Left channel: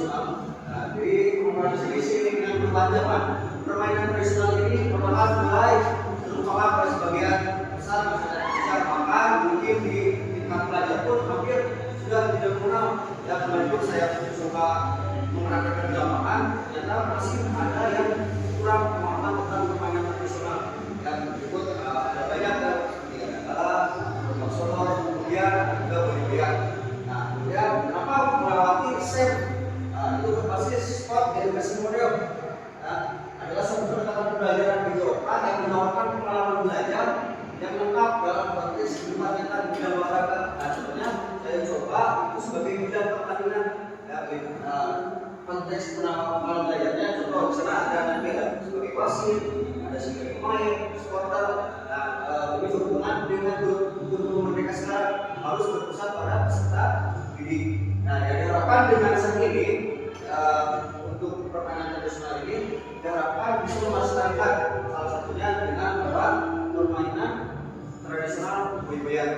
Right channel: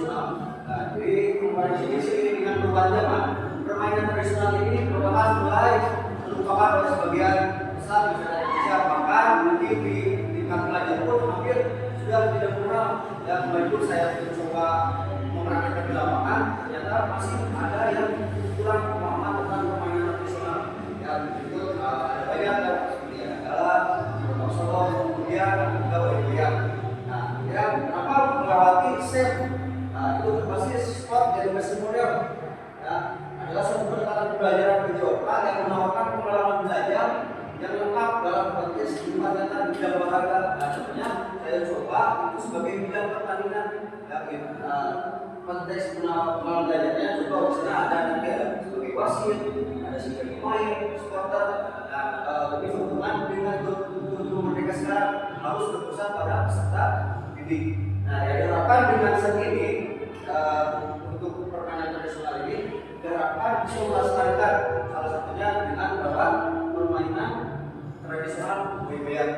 tradisional. Nah, jadi komparasi sini dengan perubahan zaman, permainan tradisional ini perlahan mulai terlupakan oleh sebagian besar masyarakat Indonesia, bahkan mungkin di tingkat pelajar pun hampir sudah tidak mengenal. Ya kemarin pun saya coba menerapkan di lapangan, ternyata masih ada yang kurang pemahaman tentang permainan tradisional. Ya berikut ada banyak seperti ada Bambang Solo, kemudian juga Boyan. Nah, kemudian kenapa melewati set itu berbasis sport edukasi model? Ya, adalah satu pendekatan pembelajaran berjauhan yang menawarkan pengalaman belajar yang lengkap dalam konteks kehidupan nyata di bidang olahraga. Nah, contohnya saya coba itu sebagai bidang pertandingan. Ya, konteks pengalaman belajarnya contoh di sana ada nanti ada sebagai wasit, ada sebagai pemain, supporter. Nah, ini hubungan dengan guru mereka sekarang harus berpusat pada peserta didik. Nah, yang diharapkan dengan set ini untuk permainan tradisional ini diharapkan bisa melestarikan salah satunya dengan permainan tradisional Boyan.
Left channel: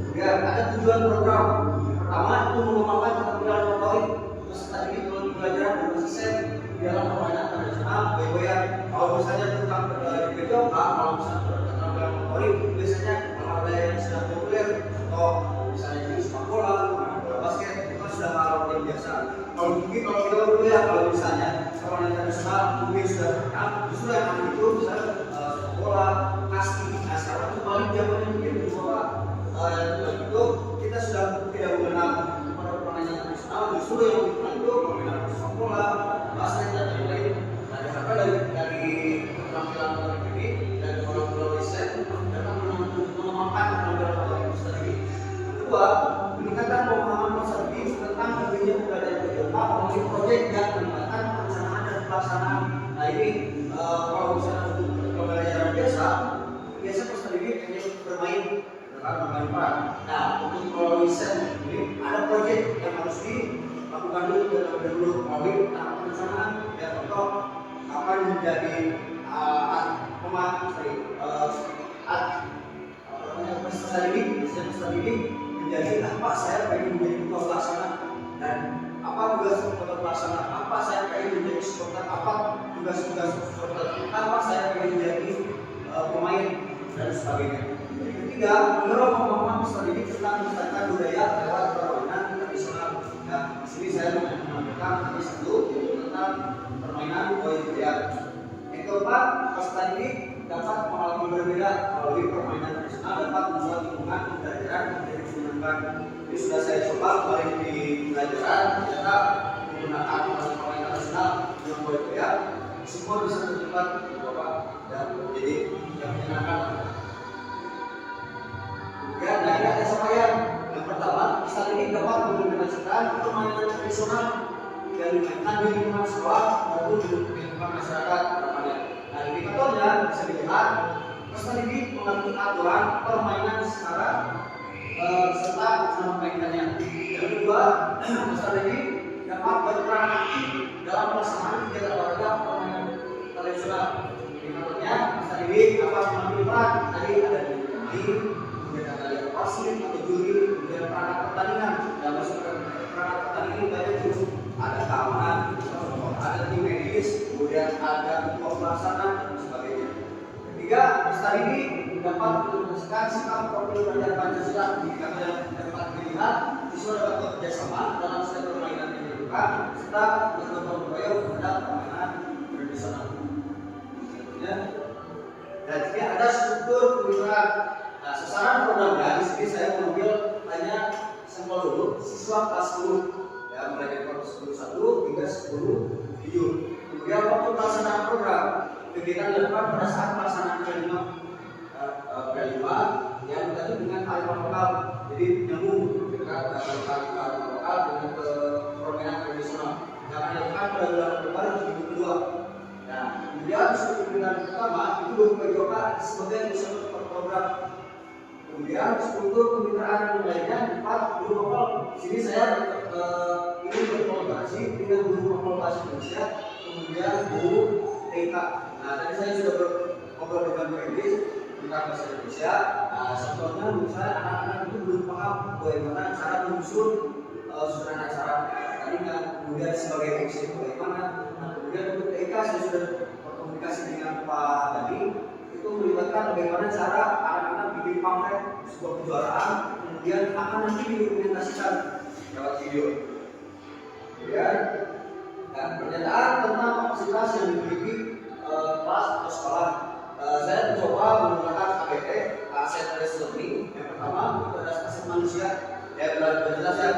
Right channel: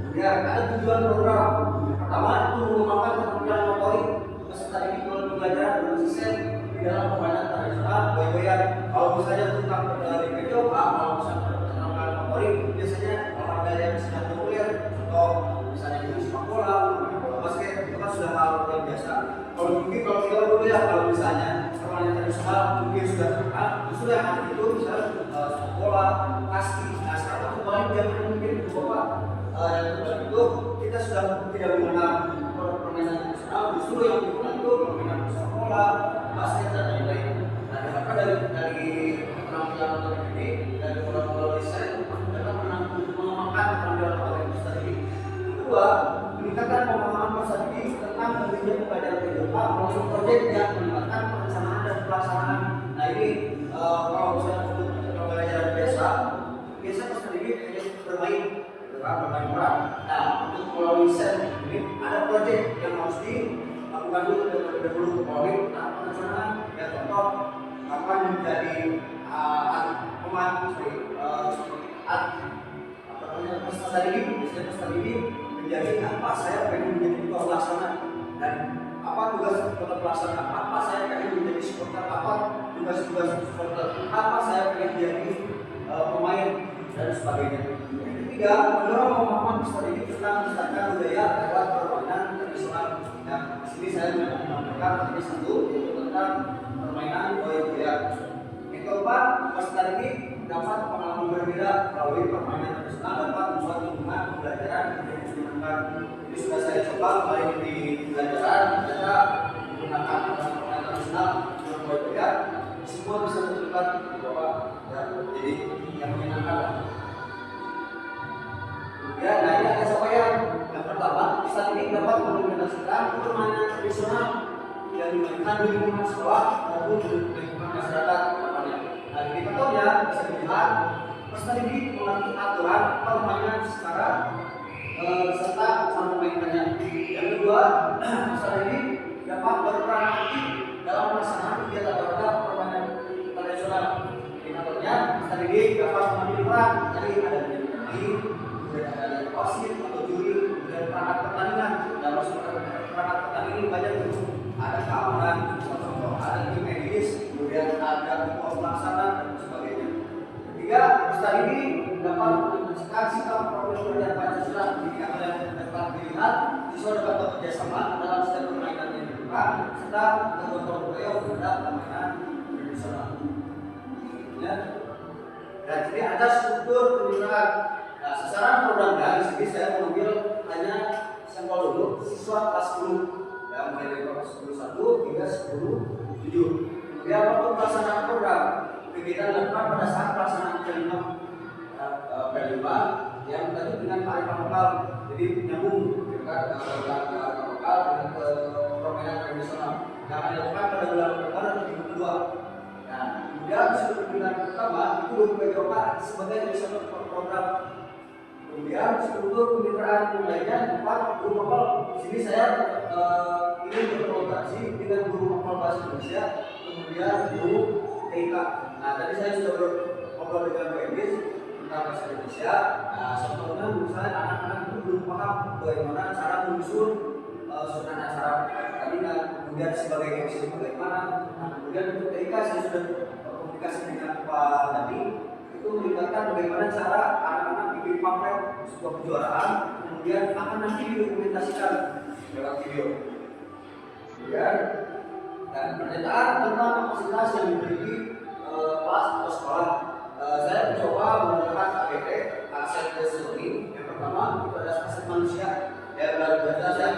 Kemudian ada tujuan program. Yang pertama itu mengembangkan keterampilan motorik peserta didik melalui pembelajaran berbasis set di dalam permainan tradisional Boyan. Kalau misalnya tentang di video, kalau misalnya keterampilan motorik biasanya olahraga yang sudah populer, contoh misalnya di sepak bola, bola basket itu kan sudah hal yang biasa. Kalau mungkin kalau kita lihat kalau misalnya permainan tradisional mungkin sudah terkenal, sudah yang itu misalnya sepak bola, kasti. Nah sekarang itu balik zaman mungkin bahwa itu kita sudah tidak mengenal permainan tradisional, justru yang dikenal itu permainan sepak bola, basket dan lain-lain. Nah diharapkan dari keterampilan motorik ini dari orang-orang desain dapat mengembangkan keterampilan motorik itu tadi. Kedua, meningkatkan pemahaman peserta didik tentang pentingnya pembelajaran berjauhan melalui proyek yang melibatkan perencanaan dan pelaksanaan. Nah ini kalau misalnya untuk pembelajaran biasa peserta didik hanya bermain peran. Nah untuk melalui set ini ada proyek yang harus dilakukan dulu melalui tahap perencanaan. Ya contoh kapan menjadi peserta didik menjadi apa saya pengen menjadi ketua pelaksana dan apa tugas ketua pelaksana, apa saya pengen menjadi supporter, apa tugas-tugas supporter, apa saya pengen menjadi pemain dan sebagainya. Yang ketiga, mendorong pemahaman peserta didik tentang melestarikan budaya lewat permainan tradisional. Nah, di sini saya menampilkan tadi satu yaitu tentang permainan Boyan. Yang keempat, peserta didik dapat pengalaman berbeda melalui permainan tradisional dapat membuat hubungan pembelajaran menjadi menyenangkan. Jadi sudah saya coba kemarin di pelajaran kita menggunakan permainan tradisional yang Boyan, semua bisa terlibat bahwa ya jadi yang menyenangkan. Kemudian dari ada capaian yang pertama, peserta didik dapat mengimplementasikan permainan tradisional yang dimainkan di lingkungan sekolah maupun di lingkungan masyarakat. Nah, indikatornya bisa dilihat peserta didik mengerti aturan permainan secara serta memainkannya. Yang kedua, peserta didik dapat berperan aktif dalam pelaksanaan kegiatan olahraga permainan tradisional. Indikatornya peserta didik dapat mengambil peran. Tadi ada di kemudian ada yang wasit atau juri, kemudian perangkat pertandingan. Dalam perangkat pertandingan banyak jenis, ada keamanan, ada tim medis, kemudian ada ketua pelaksana dan sebagainya. Ketiga, peserta didik dapat menunjukkan sikap profil belajar Pancasila. Indikator yang dapat dilihat siswa dapat bekerjasama dalam setiap permainan yang dilakukan serta bergotong royong terhadap permainan tradisional. Dan ini ada struktur pembinaan. Nah, sasaran programnya di sini saya mengambil hanya sampel dulu siswa kelas 10 ya, mulai dari kelas 10 hingga 10 7. Kemudian waktu pelaksanaan program kegiatan dilakukan pada saat pelaksanaan P5 yang berkaitan dengan kearifan lokal. Jadi nyambung dengan kearifan lokal dengan permainan tradisional yang akan dilakukan pada bulan Oktober minggu kedua. Nah, kemudian struktur pembinaan pertama itu berupa coba sebagai satu program. Kemudian struktur kemitraan yang lainnya 4 guru lokal. Di sini saya ingin berkolaborasi dengan guru lokal bahasa Indonesia, kemudian guru TK. Nah, tadi saya sudah ngobrol dengan Pak Idris tentang bahasa Indonesia. Nah, sebetulnya menurut saya anak-anak itu belum paham bagaimana cara menyusun susunan acara pertandingan, kemudian sebagai MC bagaimana. Nah, kemudian untuk TK saya sudah berkomunikasi dengan Pak Dadi, itu melibatkan bagaimana cara anak-anak bikin pamflet sebuah kejuaraan, kemudian akan nanti didokumentasikan lewat video. Kemudian pernyataan tentang kapasitas yang dimiliki kelas atau sekolah. Saya mencoba menggunakan ABT, aset based learning. Yang pertama itu ada aset manusia. Ya, jelas ya,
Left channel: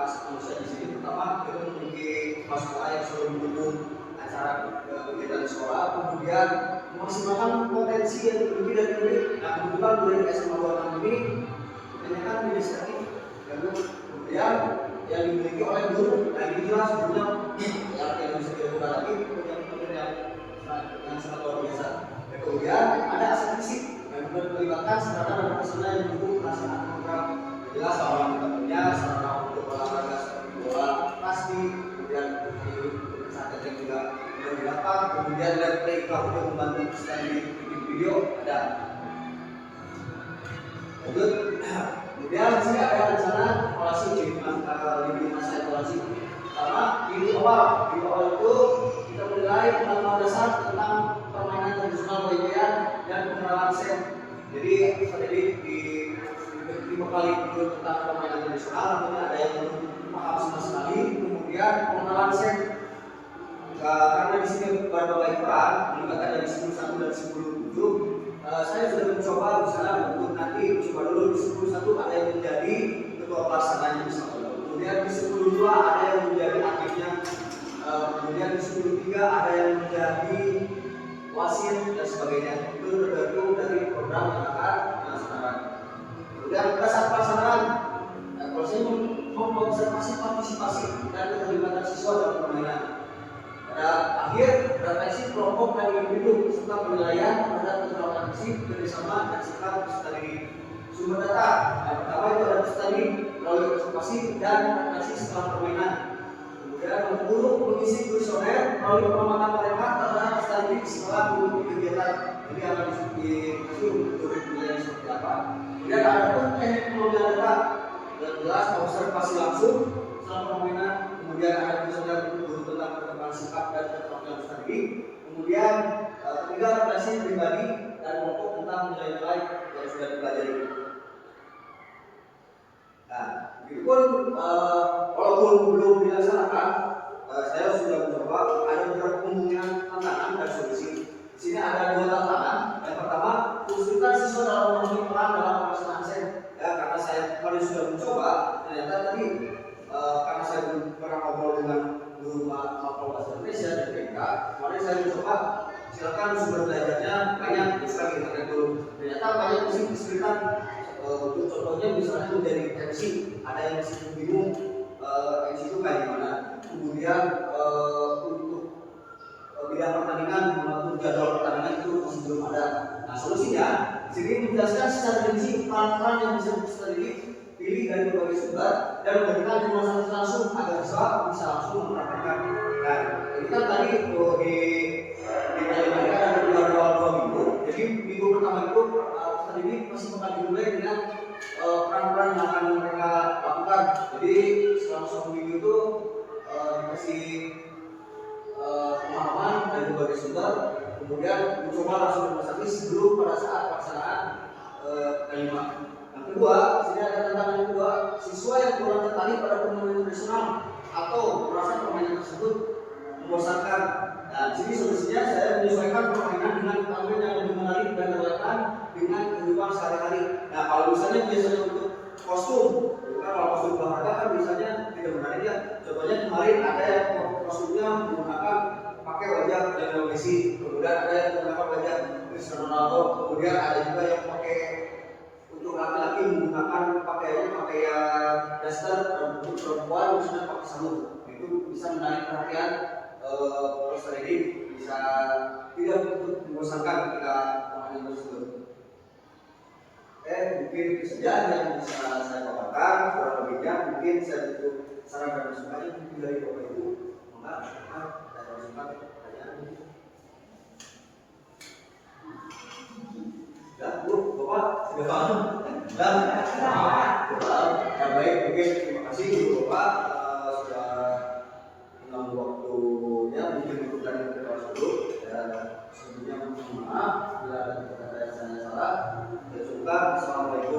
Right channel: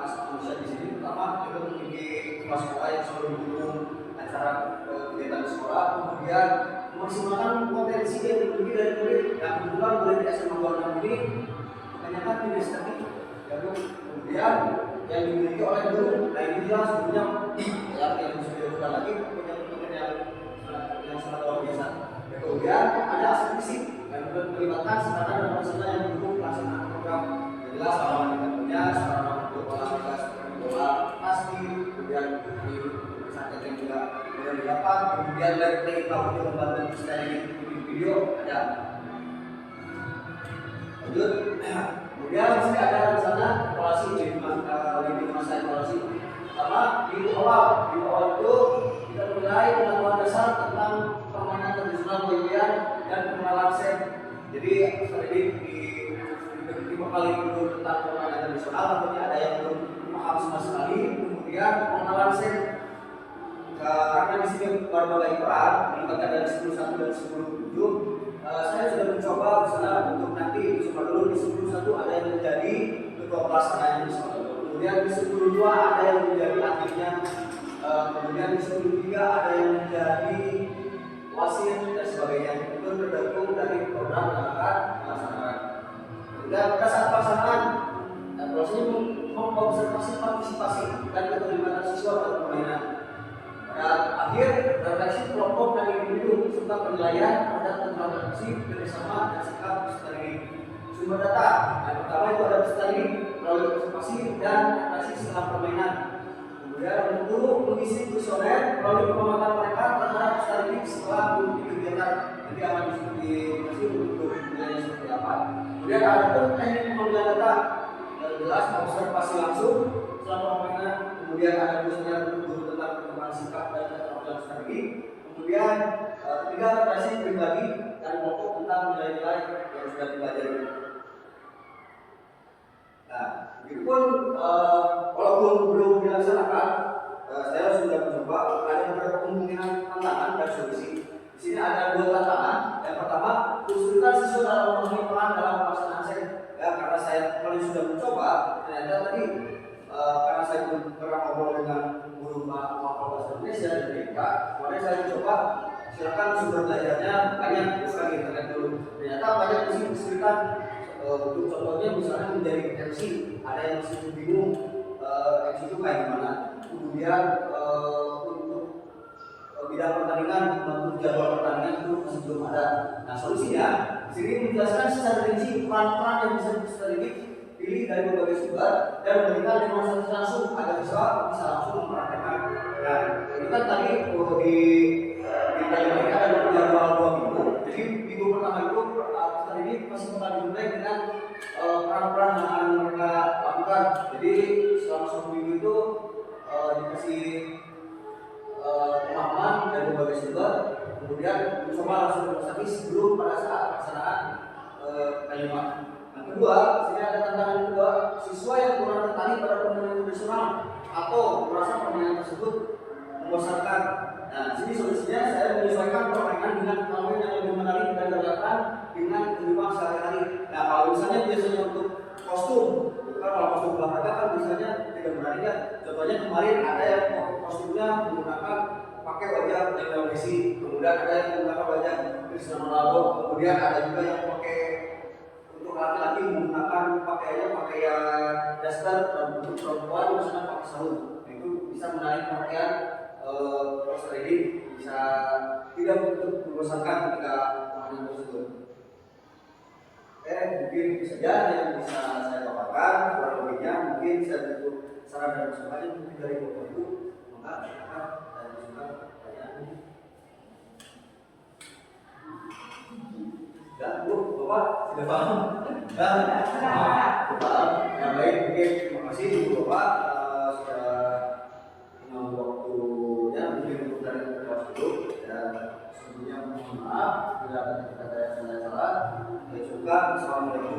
aset manusia di sini pertama kita memiliki kelas sekolah yang selalu mendukung acara kegiatan sekolah, kemudian memaksimalkan potensi yang dimiliki dari murid. Nah, kebetulan murid di SMA 26 ini kebanyakan tidak statik. Kemudian yang dimiliki oleh guru, nah ini jelas gurunya yang bisa dilakukan lagi pekerjaan yang sangat luar biasa. Kemudian ada aset fisik yang melibatkan sarana dan prasarana yang mendukung pelaksanaan program. Jelas bahwa kita punya sarana untuk olahraga seperti bola, pasti, kemudian di pesantren yang juga sudah didapat, kemudian dari PK untuk membantu streaming video ada. Lanjut, kemudian di sini ada rencana evaluasi di masa evaluasi. Pertama di awal itu kita mulai penerapan dasar tentang permainan tradisional Boybian dan pengenalan sen. Jadi seperti di kali dulu tentang permainan tradisional, tentunya ada yang belum paham sama sekali. Kemudian pengenalan sen. Karena di sini berbagai peran melibatkan dari 10.1 dan 10.7, saya sudah mencoba misalnya untuk nanti coba dulu di 10.1 ada yang menjadi ketua pelaksananya misalnya. Kemudian di 10.2 ada yang menjadi aktifnya. Kemudian di 10.3 ada yang menjadi wasit dan sebagainya. Itu tergantung dari program yang akan dilaksanakan. Kemudian pada saat pelaksanaan, prosesnya mengobservasi partisipasi dan keterlibatan siswa dalam permainan. Pada akhir refleksi kelompok dan individu serta penilaian terhadap interaksi kerjasama dan sikap peserta didik. Sumber data yang pertama itu ada peserta didik melalui observasi dan refleksi setelah permainan. Kemudian nomor 10 mengisi kuesioner melalui pengamatan mereka terhadap peserta didik setelah mengikuti kegiatan. Jadi akan dikasih untuk penilaian seperti apa. Kemudian ada pun teknik pengambilan data yang jelas observasi langsung setelah permainan. Kemudian ada kuesioner guru tentang perkembangan sikap dan keterampilan peserta didik. Kemudian ketiga refleksi pribadi dan kelompok tentang nilai-nilai yang sudah dipelajari. Nah, begitupun walaupun belum dilaksanakan, saya sudah mencoba ada beberapa kemungkinan tantangan dan solusi. Di sini ada dua tantangan. Yang pertama, kesulitan siswa dalam memenuhi peran dalam pelaksanaan sen. Ya, karena saya kemarin sudah mencoba, ternyata tadi karena saya belum pernah ngobrol dengan guru Mapol Bahasa Indonesia dan TK, kemarin saya mencoba silakan sumber belajarnya banyak, bukan internet dulu. Ternyata banyak kesulitan. Untuk contohnya misalnya menjadi MC, ada yang masih bingung MC itu kayak gimana. Kemudian untuk bidang pertandingan, mengatur jadwal pertandingan itu masih belum ada. Nah, solusinya sini menjelaskan secara rinci peran-peran yang bisa pilih dari berbagai sumber dan memberikan demonstrasi langsung agar bisa langsung mempraktekkan. Dan ini kan tadi di kalimatnya ada dua minggu. Jadi minggu pertama itu ini masih bakal dimulai dengan peran-peran yang akan mereka lakukan. Jadi selama 1 minggu itu dikasih pemahaman dari berbagai sumber, kemudian mencoba langsung demonstrasi sebelum pada saat pelaksanaan kalimat. Yang kedua, sini ada tantangan kedua, siswa yang kurang tertarik pada permainan tradisional atau merasa permainan tersebut membosankan. Nah, sini solusinya saya menyesuaikan permainan dengan permainan yang lebih menarik dan relevan dengan kehidupan sehari-hari. Nah, kalau misalnya biasanya untuk kostum, itu kan kalau kostum olahraga kan biasanya tidak menarik ya. Contohnya kemarin ada yang kostumnya menggunakan pakai wajah Lionel Messi, kemudian ada yang menggunakan wajah Cristiano Ronaldo, kemudian ada juga yang pakai untuk laki-laki menggunakan pakaian daster, dan untuk perempuan misalnya pakai sarung. Itu bisa menarik perhatian peserta didik, bisa tidak untuk membosankan ketika permainan tersebut. Mungkin itu saja yang bisa saya paparkan. Kurang lebihnya mungkin saya butuh saran dan masukannya mungkin dari Bapak Ibu. Maka dan masukan pertanyaan. Ya, Bu, Bapak sudah paham? Ya baik, oke, terima kasih Ibu Bapak sudah mengambil waktunya mungkin untuk dari kelas dulu. Dan sebelumnya mohon maaf bila ada kata-kata yang saya salah. Ya, syukur. Assalamualaikum